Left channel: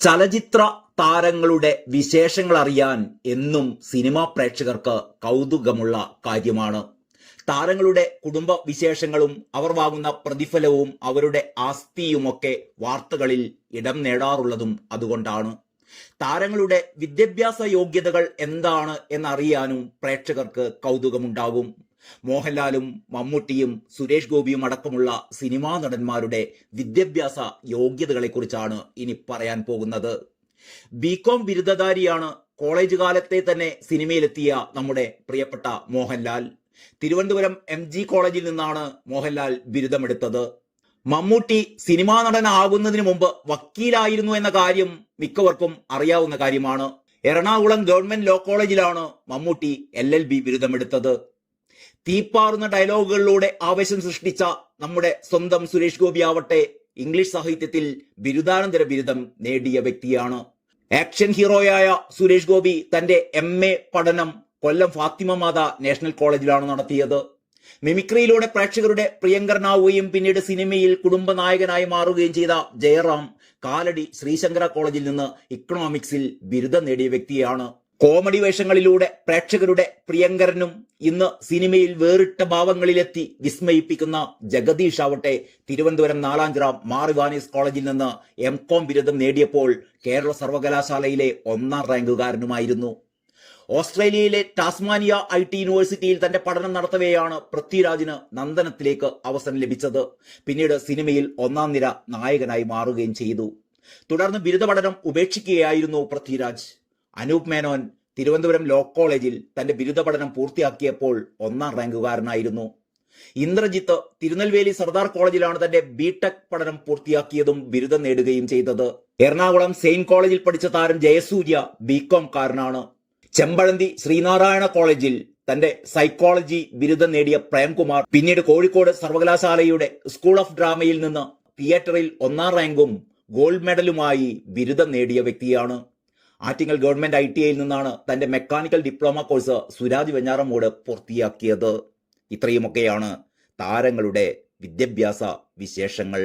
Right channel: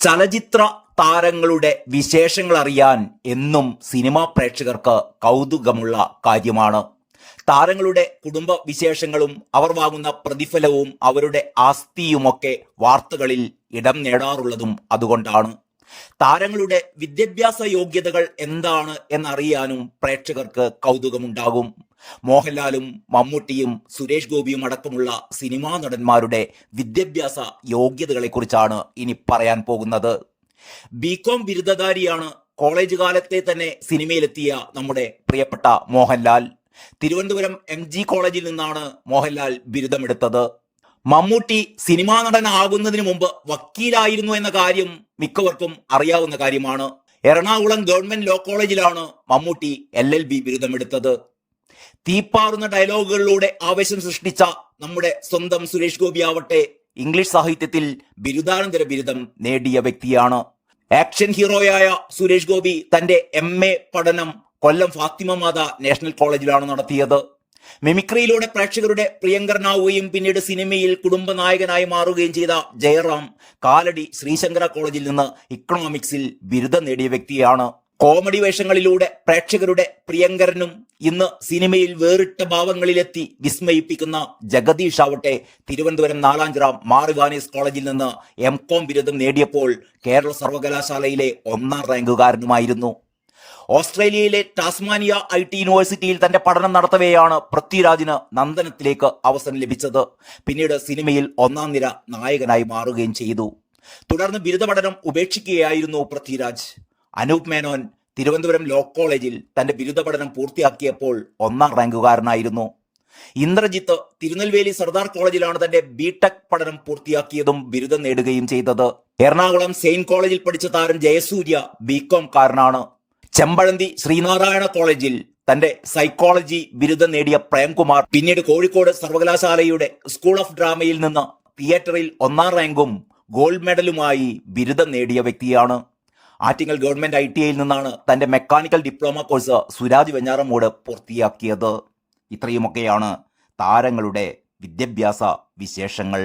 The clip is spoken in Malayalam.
ചലച്ചിത്ര താരങ്ങളുടെ വിശേഷങ്ങൾ അറിയാൻ എന്നും സിനിമാ പ്രേക്ഷകർക്ക് കൗതുകമുള്ള കാര്യമാണ്. താരങ്ങളുടെ കുടുംബ വിശേഷങ്ങളും അവർ വാങ്ങുന്ന പ്രതിഫലവും അവരുടെ ആസ്തിയുമൊക്കെ വാർത്തകളിൽ ഇടം നേടാറുള്ളതും അതുകൊണ്ടാണ്. താരങ്ങളുടെ വിദ്യാഭ്യാസ യോഗ്യതകൾ എന്താണ് എന്നറിയാനും പ്രേക്ഷകർക്ക് കൗതുകമുണ്ടാകും. മോഹൻലാലും മമ്മൂട്ടിയും സുരേഷ് ഗോപിയും അടക്കമുള്ള സിനിമാ നടന്മാരുടെ വിദ്യാഭ്യാസ യോഗ്യതകളെക്കുറിച്ചാണ് ഇനി പറയാൻ പോകുന്നത്. ബികോം ബിരുദധാരിയാണ് കോളേജ് കാലത്തെ തന്നെ സിനിമയിലെത്തിയ നമ്മുടെ പ്രിയപ്പെട്ട മോഹൻലാൽ. തിരുവനന്തപുരം എം ജി കോളേജിൽ നിന്നാണ് മോഹൻലാൽ ബിരുദമെടുത്തത്. മമ്മൂട്ടി സിനിമാ നടനാകുന്നതിന് മുമ്പ് വക്കീലായിരുന്നു എന്ന കാര്യം മിക്കവർക്കും അറിയാവുന്ന കാര്യമാണ്. എറണാകുളം ഗവൺമെന്റ് ലോ കോളേജിലാണ് മമ്മൂട്ടി എൽ എൽ ബി ബിരുദമെടുത്തത്. തീപ്പാറുന്ന ഡയലോഗുകളിലൂടെ ആവേശം സൃഷ്ടിച്ച നമ്മുടെ സ്വന്തം സുരേഷ് ഗോപി ആവട്ടെ ഇംഗ്ലീഷ് സാഹിത്യത്തിൽ ബിരുദാനന്തര ബിരുദം നേടിയ വ്യക്തിയാണ്. ആക്ഷൻ ഹീറോയായ സുരേഷ് ഗോപി തന്റെ എം എ പഠനം കൊല്ലം ഫാത്തിമ മാത നാഷണൽ കോളേജിലാണ് നടത്തിയത്. മിമിക്രിയിലൂടെ പ്രേക്ഷകരുടെ പ്രിയങ്കരനാവുകയും പിന്നീട് സിനിമയിൽ കുടുംബ നായകനായി മാറുകയും ചെയ്ത ജയറാം കാലടി ശ്രീശങ്കര കോളേജിൽ നിന്ന് ഇക്കണോമിക്സിൽ ബിരുദം നേടിയ വ്യക്തിയാണ്. കോമഡി വേഷങ്ങളിലൂടെ പ്രേക്ഷകരുടെ പ്രിയങ്കരനും ഇന്ന് സിനിമയിൽ വേറിട്ട ഭാവങ്ങളിലെത്തി വിസ്മയിപ്പിക്കുന്ന ജഗദീഷ് ആവട്ടെ തിരുവനന്തപുരം നാലാഞ്ചിറ മാറിവാനീസ് കോളേജിൽ നിന്ന് എം കോം ബിരുദം നേടിയപ്പോൾ കേരള സർവകലാശാലയിലെ ഒന്നാം റാങ്കുകാരനുമായിരുന്നു. ഓസ്ട്രേലിയയിലെ ടാസ്മാനിയ ഐ ടി യൂണിവേഴ്സിറ്റിയിൽ തന്റെ പഠനം നടത്തവെയാണ് പൃഥ്വിരാജിന് നന്ദനത്തിലേക്ക് അവസരം ലഭിച്ചത്. പിന്നീട് സിനിമയിൽ ഒന്നാം നിര നായകനായി മാറുകയും ചെയ്തു. തുടർന്ന് ബിരുദ പഠനം ഉപേക്ഷിക്കുകയായിരുന്നു പൃഥ്വിരാജ്. അനൂപ് മേനോൻ തിരുവനന്തപുരം ലോ കോളേജിൽ തന്റെ ബിരുദ പഠനം പൂർത്തിയാക്കിയപ്പോൾ ഒന്നാം റാങ്കുകാരനായിരുന്നു. ഇന്ദ്രജിത്ത് തിരുനെൽവേലി സർദാർ കോളേജിലാണ് തന്റെ ബിടെക് പഠനം പൂർത്തിയാക്കിയതും ബിരുദം നേടുകയും ചെയ്തത്. എറണാകുളം സെയിന്റ് കോളേജിൽ പഠിച്ച താരം ജയസൂര്യ ബികോം കാരനാണ്. ചെമ്പഴന്തി ശ്രീനാരായണ കോളേജിൽ തന്റെ സൈക്കോളജി ബിരുദം നേടിയ പ്രേംകുമാർ പിന്നീട് കോഴിക്കോട് സർവകലാശാലയുടെ സ്കൂൾ ഓഫ് ഡ്രാമയിൽ നിന്ന് തിയേറ്ററിൽ ഒന്നാം റാങ്കും ഗോൾഡ് മെഡലുമായി ബിരുദം നേടിയ വ്യക്തിയാണ്. ആറ്റിങ്ങൽ ഗവൺമെന്റ് ഐ ടി ഐയിൽ നിന്നാണ് തന്റെ mechanical diploma course Suraj Venjaramoodu പൂർത്തിയാക്കിയത്. ഇത്രയുമൊക്കെയാണ് താരങ്ങളുടെ വിദ്യാഭ്യാസ വിശേഷങ്ങൾ.